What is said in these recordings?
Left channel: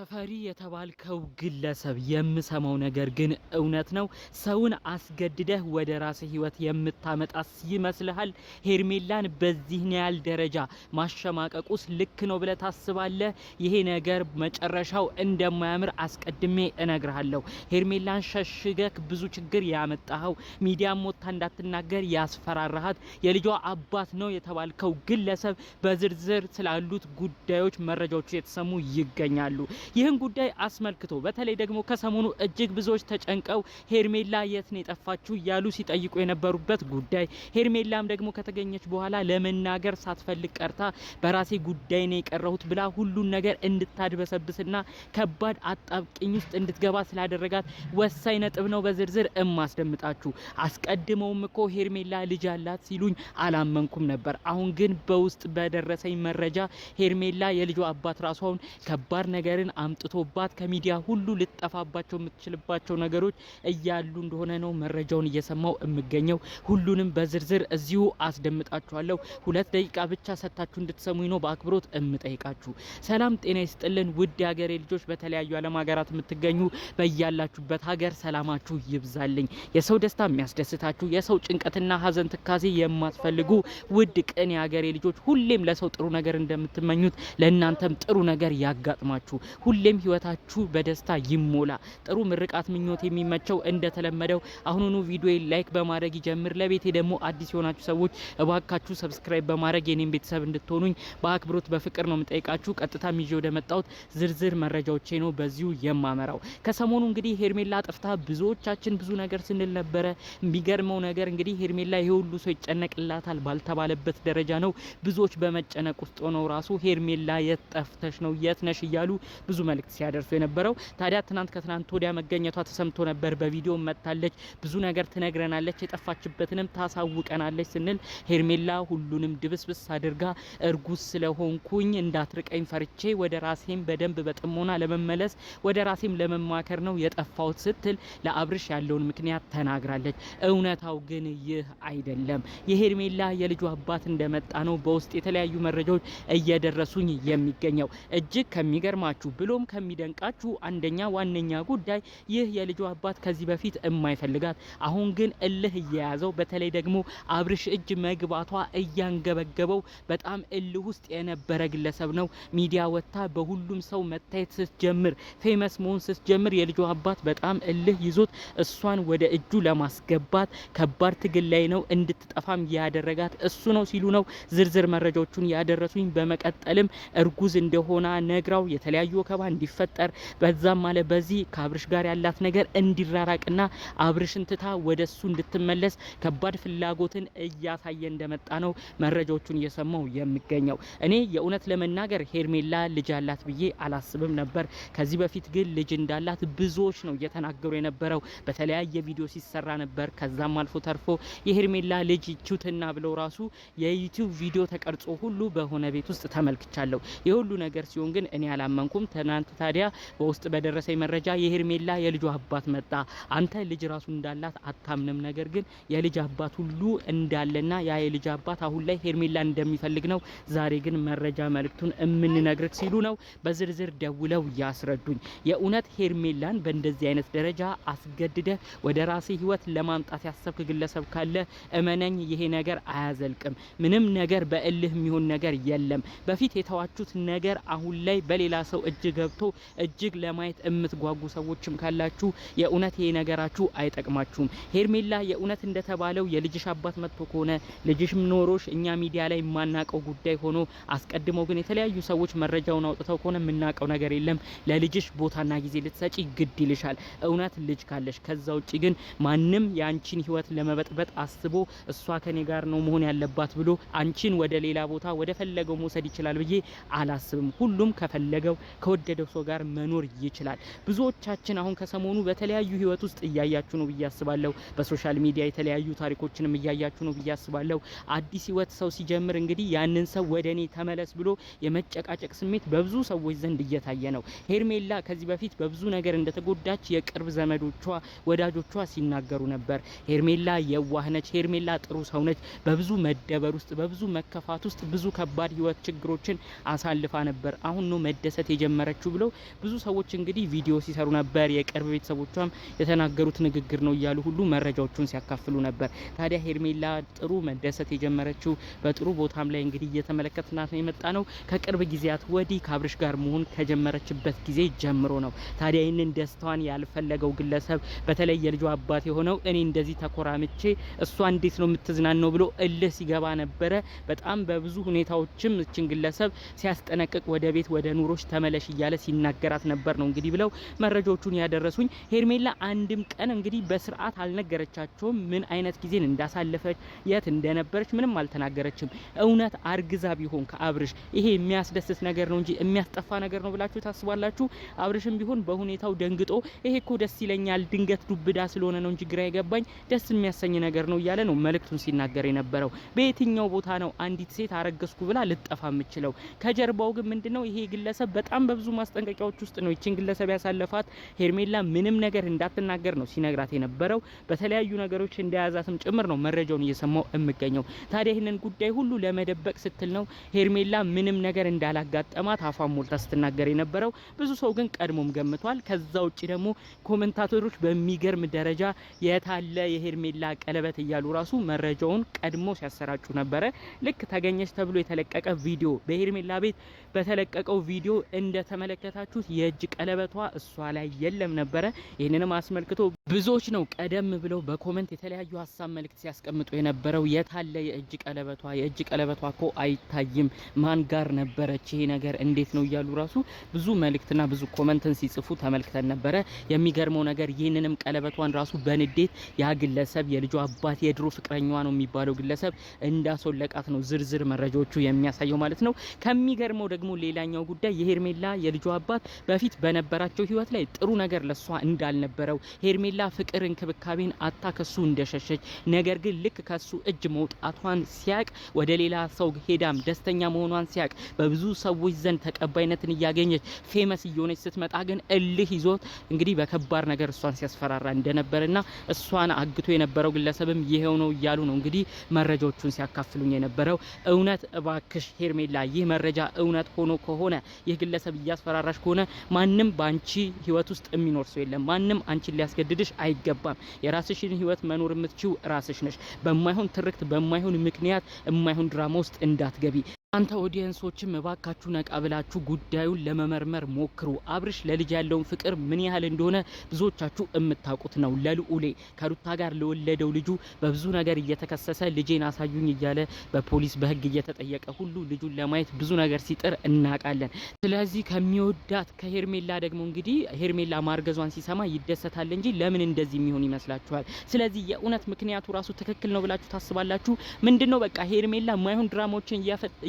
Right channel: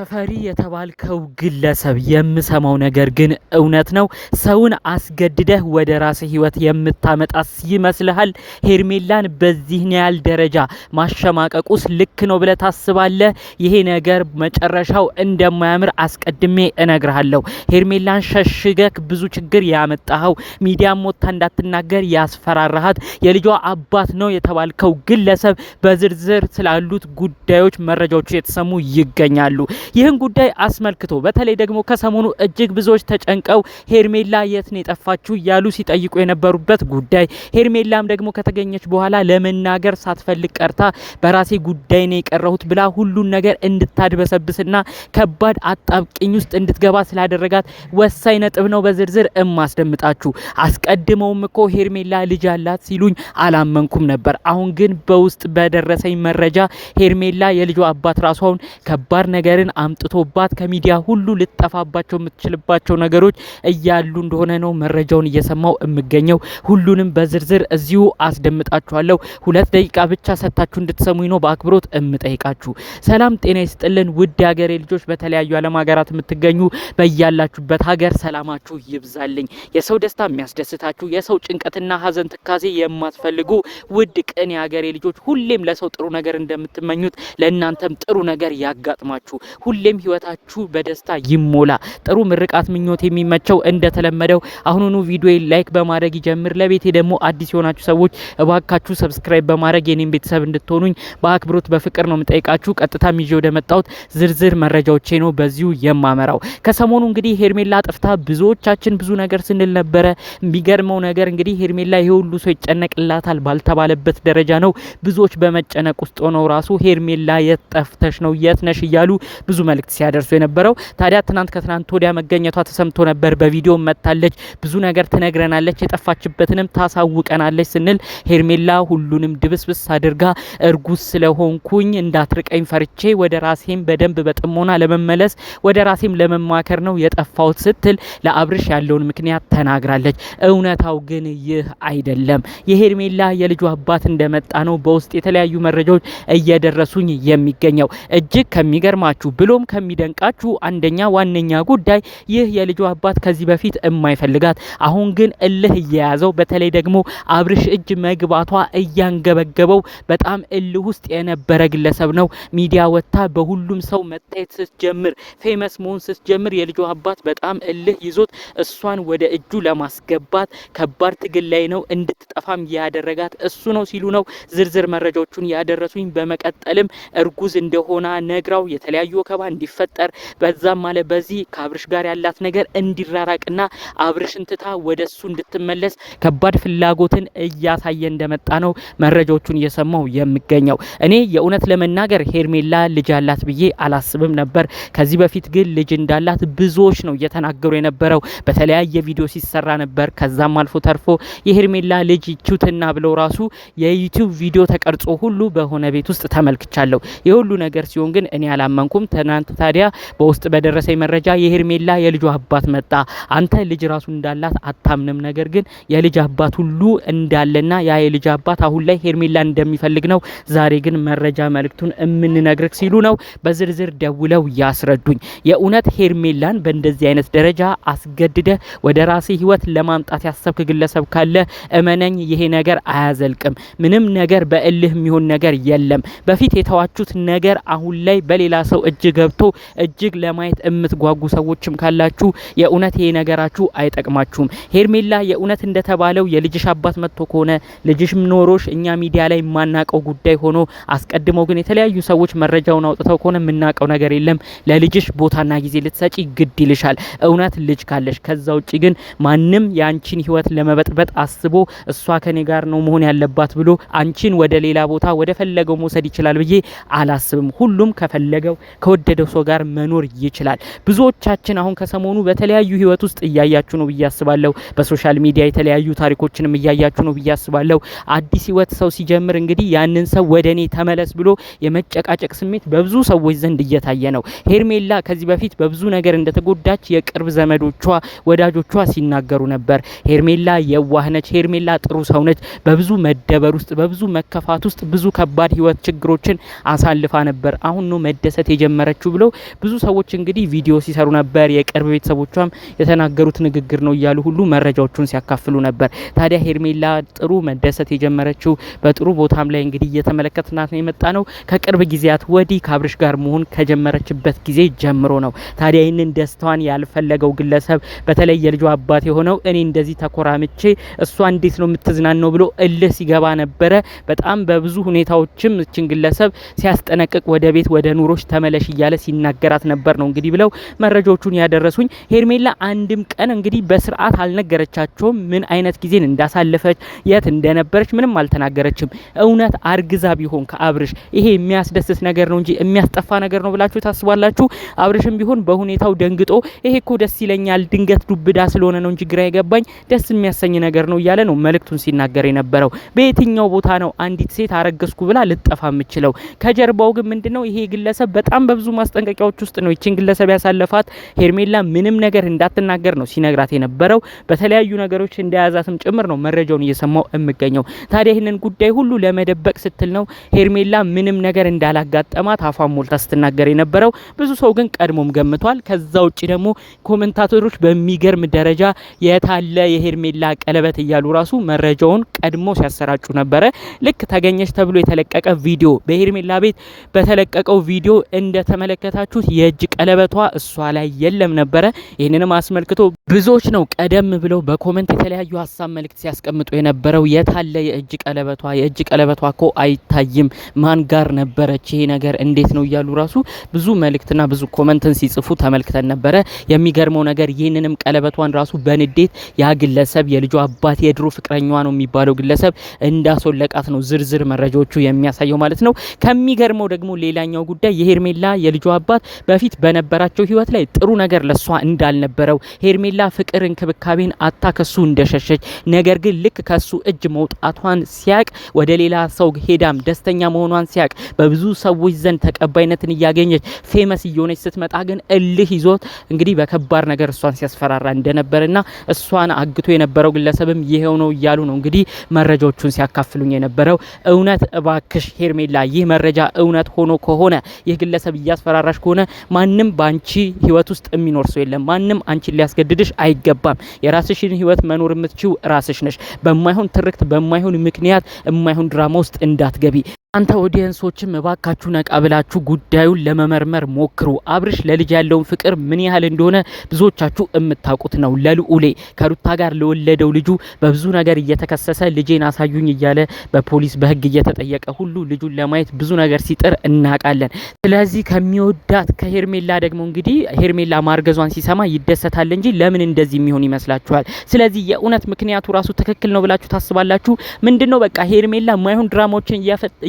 ተፈሪ የተባልከው ግለሰብ የምሰማው ነገር ግን እውነት ነው? ሰውን አስገድደህ ወደ ራስህ ህይወት የምታመጣስ ይመስልሃል? ሄርሜላን በዚህ ያህል ደረጃ ማሸማቀቁስ ልክ ነው ብለህ ታስባለህ? ይሄ ነገር መጨረሻው እንደማያምር አስቀድሜ እነግርሃለሁ። ሄርሜላን ሸሽገክ ብዙ ችግር ያመጣኸው፣ ሚዲያም ወጥታ እንዳትናገር ያስፈራራሃት የልጇ አባት ነው የተባልከው ግለሰብ በዝርዝር ስላሉት ጉዳዮች መረጃዎቹ የተሰሙ ይገኛሉ። ይህን ጉዳይ አስመልክቶ በተለይ ደግሞ ከሰሞኑ እጅግ ብዙዎች ተጨንቀው ሄርሜላ የት ነው የጠፋችሁ ያሉ ሲጠይቁ የነበሩበት ጉዳይ፣ ሄርሜላም ደግሞ ከተገኘች በኋላ ለመናገር ሳትፈልግ ቀርታ በራሴ ጉዳይ ነው የቀረሁት ብላ ሁሉን ነገር እንድታድበሰብስና ከባድ አጣብቂኝ ውስጥ እንድትገባ ስላደረጋት ወሳኝ ነጥብ ነው በዝርዝር እማስደምጣችሁ። አስቀድመውም እኮ ሄርሜላ ልጅ አላት ሲሉኝ አላመንኩም ነበር። አሁን ግን በውስጥ በደረሰኝ መረጃ ሄርሜላ የልጇ አባት ራሷን ከባድ ነገርን አምጥቶባት ከሚዲያ ሁሉ ልጠፋባቸው የምትችልባቸው ነገሮች እያሉ እንደሆነ ነው መረጃውን እየሰማው የምገኘው። ሁሉንም በዝርዝር እዚሁ አስደምጣችኋለሁ። 2 ደቂቃ ብቻ ሰጥታችሁ እንድትሰሙኝ ነው በአክብሮት እምጠይቃችሁ። ሰላም ጤና ይስጥልን ውድ ሀገሬ ልጆች፣ በተለያዩ ዓለም ሀገራት የምትገኙ በያላችሁበት ሀገር ሰላማችሁ ይብዛልኝ። የሰው ደስታ የሚያስደስታችሁ፣ የሰው ጭንቀትና ሀዘን ትካዜ የማትፈልጉ ውድ ቅን የሀገሬ ልጆች፣ ሁሌም ለሰው ጥሩ ነገር እንደምትመኙት ለእናንተም ጥሩ ነገር ያጋጥማችሁ። ሁሌም ህይወታችሁ በደስታ ይሞላ። ጥሩ ምርቃት ምኞት የሚመቸው እንደተለመደው አሁኑኑ ቪዲዮ ላይክ በማድረግ ይጀምር። ለቤቴ ደግሞ አዲስ የሆናችሁ ሰዎች እባካችሁ ሰብስክራይብ በማድረግ የኔን ቤተሰብ እንድትሆኑኝ በአክብሮት በፍቅር ነው የምጠይቃችሁ። ቀጥታ ይዤ ወደ መጣሁት ዝርዝር መረጃዎቼ ነው በዚሁ የማመራው። ከሰሞኑ እንግዲህ ሄርሜላ ጠፍታ ብዙዎቻችን ብዙ ነገር ስንል ነበረ። የሚገርመው ነገር እንግዲህ ሄርሜላ ይሄ ሁሉ ሰው ይጨነቅላታል ባልተባለበት ደረጃ ነው ብዙዎች በመጨነቅ ውስጥ ሆነው ራሱ ሄርሜላ የት ጠፍተሽ ነው የት ነሽ እያሉ ብዙ መልእክት ሲያደርሱ የነበረው። ታዲያ ከትናንት ወዲያ መገኘቷ ተሰምቶ ነበር። በቪዲዮ መጣለች፣ ብዙ ነገር ትነግረናለች፣ የጠፋችበትንም ታሳውቀናለች ስንል ሄርሜላ ሁሉንም ድብስብስ አድርጋ እርጉዝ ስለሆንኩኝ እንዳትርቀኝ ፈርቼ ወደ ራሴም በደንብ በጥሞና ለመመለስ ወደ ራሴም ለመማከር ነው የጠፋሁት ስትል ለአብርሽ ያለውን ምክንያት ተናግራለች። እውነታው ግን ይህ አይደለም። የሄርሜላ የልጁ አባት እንደመጣ ነው በውስጥ የተለያዩ መረጃዎች እየደረሱኝ የሚገኘው። እጅግ ከሚገርማችሁ ብሎም ከሚደንቃችሁ አንደኛ ዋነኛ ጉዳይ ይህ የልጁ አባት ከዚህ በፊት የማይፈልጋት አሁን ግን እልህ እየያዘው በተለይ ደግሞ አብርሽ እጅ መግባቷ እያንገበገበው በጣም እልህ ውስጥ የነበረ ግለሰብ ነው። ሚዲያ ወጥታ በሁሉም ሰው መታየት ስትጀምር፣ ፌመስ መሆን ስትጀምር የልጁ አባት በጣም እልህ ይዞት እሷን ወደ እጁ ለማስገባት ከባድ ትግል ላይ ነው። እንድትጠፋም ያደረጋት እሱ ነው ሲሉ ነው ዝርዝር መረጃዎቹን ያደረሱኝ። በመቀጠልም እርጉዝ እንደሆነ ነግራው የተለያዩ ወከባ እንዲፈጠር በዛም ማለት በዚህ ከአብርሽ ጋር ያላት ነገር እንዲራራቅና አብርሽን ትታ ወደሱ እንድትመለስ ከባድ ፍላጎትን እያሳየ እንደመጣ ነው መረጃዎቹን እየሰማው የሚገኘው። እኔ የእውነት ለመናገር ሄርሜላ ልጅ አላት ብዬ አላስብም ነበር። ከዚህ በፊት ግን ልጅ እንዳላት ብዙዎች ነው እየተናገሩ የነበረው። በተለያየ ቪዲዮ ሲሰራ ነበር። ከዛም አልፎ ተርፎ የሄርሜላ ልጅ ይቹትና ብለው ራሱ የዩቲዩብ ቪዲዮ ተቀርጾ ሁሉ በሆነ ቤት ውስጥ ተመልክቻለሁ። የሁሉ ነገር ሲሆን ግን እኔ አላመንኩም። ትናንት ታዲያ በውስጥ በደረሰኝ መረጃ የሄርሜላ የልጁ አባት መጣ። አንተ ልጅ ራሱ እንዳላት አታምንም፣ ነገር ግን የልጅ አባት ሁሉ እንዳለና ያ የልጅ አባት አሁን ላይ ሄርሜላ እንደሚፈልግ ነው ዛሬ ግን መረጃ መልእክቱን እምንነግርክ ሲሉ ነው በዝርዝር ደውለው ያስረዱኝ። የእውነት ሄርሜላን በእንደዚህ አይነት ደረጃ አስገድደ ወደ ራሴ ህይወት ለማምጣት ያሰብክ ግለሰብ ካለ እመነኝ ይሄ ነገር አያዘልቅም። ምንም ነገር በእልህ የሚሆን ነገር የለም። በፊት የተዋቹት ነገር አሁን ላይ በሌላ ሰው እጅ ገብቶ እጅግ ለማየት የምትጓጉ ሰዎችም ካላችሁ የእውነት ይሄ ነገራችሁ አይጠቅማችሁም። ሄርሜላ የእውነት እንደተባለው የልጅሽ አባት መጥቶ ከሆነ ልጅሽም ኖሮሽ እኛ ሚዲያ ላይ የማናቀው ጉዳይ ሆኖ አስቀድመው ግን የተለያዩ ሰዎች መረጃውን አውጥተው ከሆነ የምናቀው ነገር የለም። ለልጅሽ ቦታና ጊዜ ልትሰጪ ግድ ይልሻል እውነት ልጅ ካለሽ። ከዛ ውጪ ግን ማንም የአንቺን ህይወት ለመበጥበጥ አስቦ እሷ ከኔ ጋር ነው መሆን ያለባት ብሎ አንቺን ወደ ሌላ ቦታ ወደ ፈለገው መውሰድ ይችላል ብዬ አላስብም። ሁሉም ከፈለገው ከወደደው ሰው ጋር መኖር ይችላል። ብዙዎቻችን አሁን ከሰሞኑ በተለያዩ ህይወት ውስጥ እያያችሁ ነው ብዬ አስባለሁ። በሶሻል ሚዲያ የተለያዩ ታሪኮችንም እያያችሁ ነው ብዬ አስባለሁ። አዲስ ህይወት ሰው ሲጀምር እንግዲህ ያንን ሰው ወደኔ ተመለስ ብሎ የመጨቃጨቅ ስሜት በብዙ ሰዎች ዘንድ እየታየ ነው። ሄርሜላ ከዚህ በፊት በብዙ ነገር እንደተጎዳች የቅርብ ዘመዶቿ ወዳጆቿ ሲናገሩ ነበር። ሄርሜላ የዋህ ነች፣ ሄርሜላ ጥሩ ሰው ነች። በብዙ መደበር ውስጥ በብዙ መከፋት ውስጥ ብዙ ከባድ ህይወት ችግሮችን አሳልፋ ነበር። አሁን ነው መደሰት የጀመረ የነበረችው ብለው ብዙ ሰዎች እንግዲህ ቪዲዮ ሲሰሩ ነበር። የቅርብ ቤተሰቦቿም የተናገሩት ንግግር ነው እያሉ ሁሉ መረጃዎቹን ሲያካፍሉ ነበር። ታዲያ ሄርሜላ ጥሩ መደሰት የጀመረችው በጥሩ ቦታም ላይ እንግዲህ እየተመለከትናት ነው የመጣ ነው ከቅርብ ጊዜያት ወዲህ ከአብርሽ ጋር መሆን ከጀመረችበት ጊዜ ጀምሮ ነው። ታዲያ ይህንን ደስታዋን ያልፈለገው ግለሰብ በተለይ የልጇ አባት የሆነው እኔ እንደዚህ ተኮራምቼ እሷ እንዴት ነው የምትዝናናው ብሎ እልህ ሲገባ ነበረ። በጣም በብዙ ሁኔታዎችም እችን ግለሰብ ሲያስጠነቅቅ ወደ ቤት ወደ ኑሮች ተመለሽ እያለ ሲናገራት ነበር ነው እንግዲህ ብለው መረጃዎቹን ያደረሱኝ። ሄርሜላ አንድም ቀን እንግዲህ በስርዓት አልነገረቻቸውም ምን አይነት ጊዜን እንዳሳለፈች የት እንደነበረች ምንም አልተናገረችም። እውነት አርግዛ ቢሆን ከአብርሽ ይሄ የሚያስደስት ነገር ነው እንጂ የሚያስጠፋ ነገር ነው ብላችሁ ታስባላችሁ? አብርሽም ቢሆን በሁኔታው ደንግጦ ይሄ እኮ ደስ ይለኛል ድንገት ዱብዳ ስለሆነ ነው እንጂ ግራ የገባኝ ደስ የሚያሰኝ ነገር ነው እያለ ነው መልእክቱን ሲናገር የነበረው። በየትኛው ቦታ ነው አንዲት ሴት አረገዝኩ ብላ ልጠፋ የምችለው? ከጀርባው ግን ምንድነው ይሄ ግለሰብ በጣም በብዙ ማስጠንቀቂያዎች ውስጥ ነው ይችን ግለሰብ ያሳለፋት። ሄርሜላ ምንም ነገር እንዳትናገር ነው ሲነግራት የነበረው። በተለያዩ ነገሮች እንደያዛትም ጭምር ነው መረጃውን እየሰማው የምገኘው። ታዲያ ይህንን ጉዳይ ሁሉ ለመደበቅ ስትል ነው ሄርሜላ ምንም ነገር እንዳላጋጠማት አፏን ሞልታ ስትናገር የነበረው። ብዙ ሰው ግን ቀድሞም ገምቷል። ከዛ ውጪ ደግሞ ኮሜንታተሮች በሚገርም ደረጃ የታለ የሄርሜላ ቀለበት እያሉ ራሱ መረጃውን ቀድሞ ሲያሰራጩ ነበረ። ልክ ተገኘች ተብሎ የተለቀቀ ቪዲዮ በሄርሜላ ቤት በተለቀቀው ቪዲዮ እንደተመለከታችሁት የእጅ ቀለበቷ እሷ ላይ የለም ነበረ። ይህንንም አስመልክቶ ብዙዎች ነው ቀደም ብለው በኮሜንት የተለያዩ ሀሳብ መልእክት ሲያስቀምጡ የነበረው። የታለ የእጅ ቀለበቷ? የእጅ ቀለበቷ እኮ አይታይም፣ ማን ጋር ነበረች? ይሄ ነገር እንዴት ነው እያሉ ራሱ ብዙ መልእክትና ብዙ ኮሜንትን ሲጽፉ ተመልክተን ነበረ። የሚገርመው ነገር ይህንንም ቀለበቷን ራሱ በንዴት ያ ግለሰብ የልጇ አባት የድሮ ፍቅረኛዋ ነው የሚባለው ግለሰብ እንዳስወለቃት ነው ዝርዝር መረጃዎቹ የሚያሳየው ማለት ነው። ከሚገርመው ደግሞ ሌላኛው ጉዳይ የሄርሜላ የልጇ አባት በፊት በነበራቸው ህይወት ላይ ጥሩ ነገር ለሷ እንዳልነበረው፣ ሄርሜላ ፍቅር እንክብካቤን አታ ከሱ እንደሸሸች፣ ነገር ግን ልክ ከሱ እጅ መውጣቷን ሲያቅ ወደ ሌላ ሰው ሄዳም ደስተኛ መሆኗን ሲያቅ በብዙ ሰዎች ዘንድ ተቀባይነትን እያገኘች ፌመስ እየሆነች ስትመጣ ግን እልህ ይዞት እንግዲህ በከባድ ነገር እሷን ሲያስፈራራ እንደነበርና እሷን አግቶ የነበረው ግለሰብም ይሄው ነው እያሉ ነው እንግዲህ መረጃዎቹን ሲያካፍሉኝ የነበረው። እውነት እባክሽ ሄርሜላ ይህ መረጃ እውነት ሆኖ ከሆነ ይህ ግለሰብ እያስፈራራሽ ከሆነ ማንም ባንቺ ህይወት ውስጥ የሚኖር ሰው የለም። ማንም አንቺን ሊያስገድድሽ አይገባም። የራስሽን ህይወት መኖር የምትችው ራስሽ ነሽ። በማይሆን ትርክት በማይሆን ምክንያት የማይሆን ድራማ ውስጥ እንዳትገቢ። አንተ ኦዲየንሶችም እባካችሁ ነቃ ብላችሁ ጉዳዩን ለመመርመር ሞክሩ። አብርሽ ለልጅ ያለውን ፍቅር ምን ያህል እንደሆነ ብዙዎቻችሁ የምታውቁት ነው። ለልዑሌ ከሩታ ጋር ለወለደው ልጁ በብዙ ነገር እየተከሰሰ ልጄን አሳዩኝ እያለ በፖሊስ በህግ እየተጠየቀ ሁሉ ልጁን ለማየት ብዙ ነገር ሲጥር እናውቃለን። ስለዚህ ከሚወዳት ከሄርሜላ ደግሞ እንግዲህ ሄርሜላ ማርገዟን ሲሰማ ይደሰታል እንጂ ለምን እንደዚህ የሚሆን ይመስላችኋል? ስለዚህ የእውነት ምክንያቱ ራሱ ትክክል ነው ብላችሁ ታስባላችሁ? ምንድነው በቃ ሄርሜላ ማይሆን ድራማዎችን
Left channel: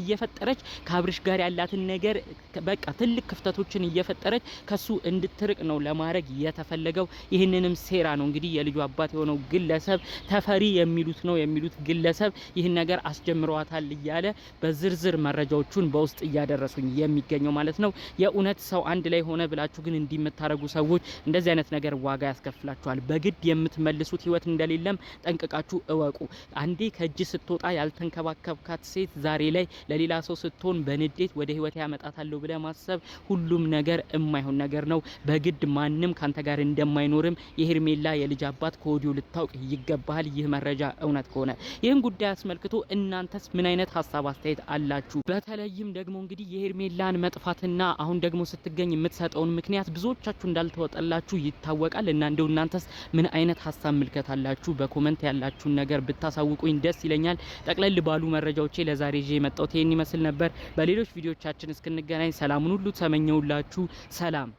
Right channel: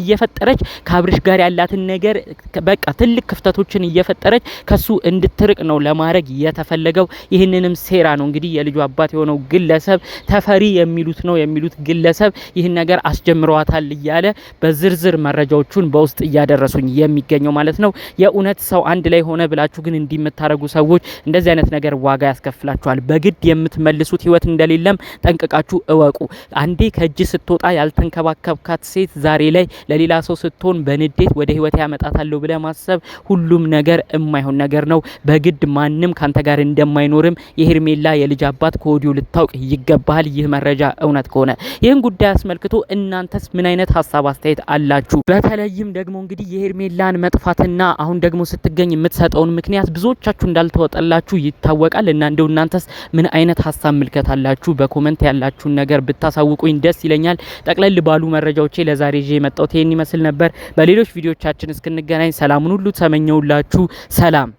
እየፈጠረች ከአብርሽ ጋር ያላትን ነገር በቃ ትልቅ ክፍተቶችን እየፈጠረች ከሱ እንድትርቅ ነው ለማድረግ የተፈለገው። ይህንንም ሴራ ነው እንግዲህ የልጁ አባት የሆነው ግለሰብ ተፈሪ የሚሉት ግለሰብ ይህን ነገር አስጀምረዋታል እያለ በዝርዝር መረጃዎቹን በውስጥ እያደረሱኝ የሚገኘው ማለት ነው። የእውነት ሰው አንድ ላይ ሆነ ብላችሁ ግን እንዲምታረጉ ሰዎች እንደዚህ አይነት ነገር ዋጋ ያስከፍላችኋል። በግድ የምትመልሱት ህይወት እንደሌለም ጠንቅቃችሁ እወቁ። አንዴ ከእጅ ስትወጣ ያልተንከባከብካት ሴት ዛሬ ላይ ሌላ ሰው ስትሆን በንዴት ወደ ህይወት ያመጣታለሁ ብለ ማሰብ ሁሉም ነገር የማይሆን ነገር ነው። በግድ ማንም ካንተ ጋር እንደማይኖርም የሄርሜላ የልጅ አባት ከወዲሁ ልታውቅ ይገባል። ይህ መረጃ እውነት ከሆነ ይህን ጉዳይ አስመልክቶ እናንተስ ምን አይነት ሀሳብ አስተያየት አላችሁ? በተለይም ደግሞ እንግዲህ የሄርሜላን መጥፋትና አሁን ደግሞ ስትገኝ የምትሰጠውን ምክንያት ብዙዎቻችሁ እንዳልተወጣላችሁ ይታወቃል። እና እንደው እናንተስ ምን አይነት ሀሳብ ምልከት አላችሁ? በኮሜንት ያላችሁን ነገር ብታሳውቁኝ ደስ ይለኛል። ጠቅለል ባሉ መረጃዎቼ ለዛሬ ይዤ የመጣሁት ይመስል ነበር። በሌሎች ቪዲዮቻችን እስክንገናኝ ሰላሙን ሁሉ ተመኘውላችሁ። ሰላም